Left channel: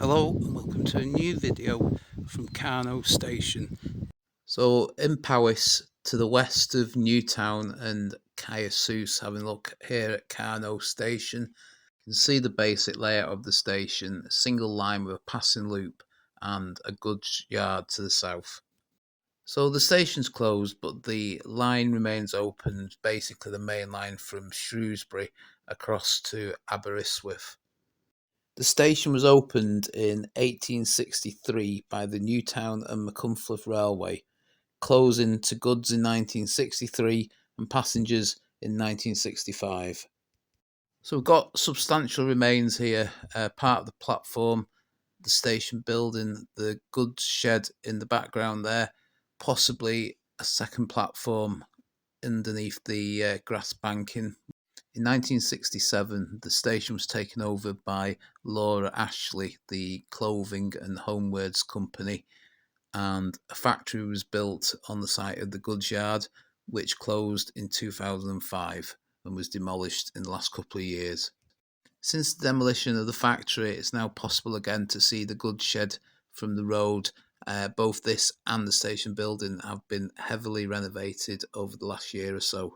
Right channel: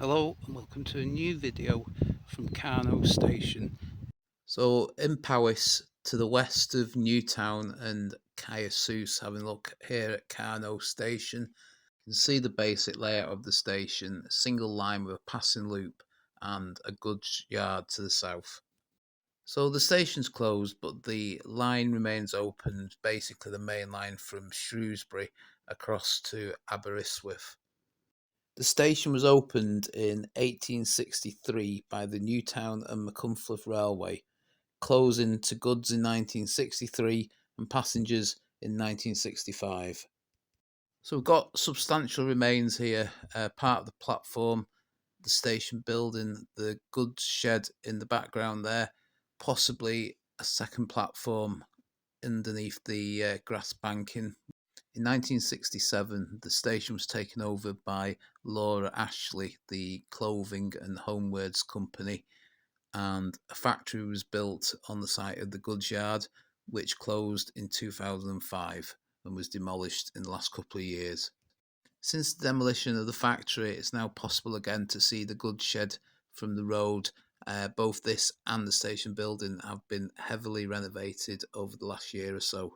Hello and welcome to a new video from Carno Station. So in Powys, to the west of Newtown and Caiasus, having a look here at Carno Station, you can see the basic layout of the station, a single line with a passing loop and a goods yard to the south. So the station's closed, but the line remains open, basically the main line from Shrewsbury across to Aberystwyth. The station was opened in 1863 by the Newtown and Machynlleth Railway, closing to goods in 1963 and passengers in 1965. So we've got substantial remains here, part of the platform, the station building, the goods shed in the background there, possibly a second platform underneath the grass banking. In 1967, the station was taken over by Laura Ashley, the clothing and homewares company, and a factory was built on the site of the goods yard, which closed in 2005 and was demolished in the last couple of years. Since the demolition of the factory, it's now possible again to see the goods shed from the road. Both this and the station building have been heavily renovated over the last year or so.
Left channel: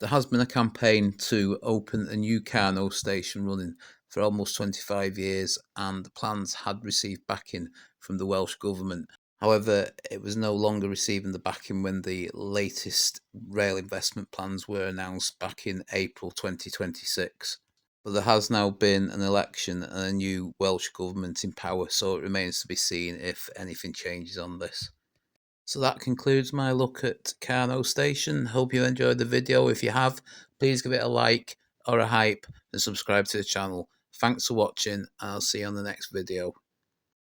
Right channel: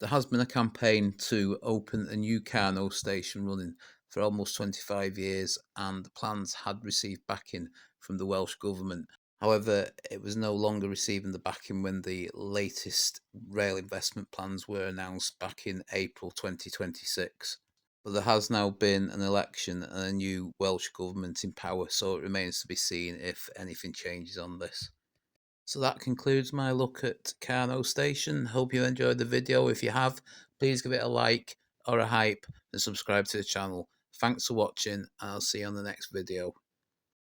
There has been a campaign to open a new Carno station running for almost 25 years, and the plans had received backing from the Welsh Government. However, it was no longer receiving the backing when the latest rail investment plans were announced back in April 2026. But there has now been an election and a new Welsh Government in power, so it remains to be seen if anything changes on this. So that concludes my look at Carno Station. Hope you enjoyed the video. If you have, please give it a like or a hype and subscribe to the channel. Thanks for watching, and I'll see you on the next video.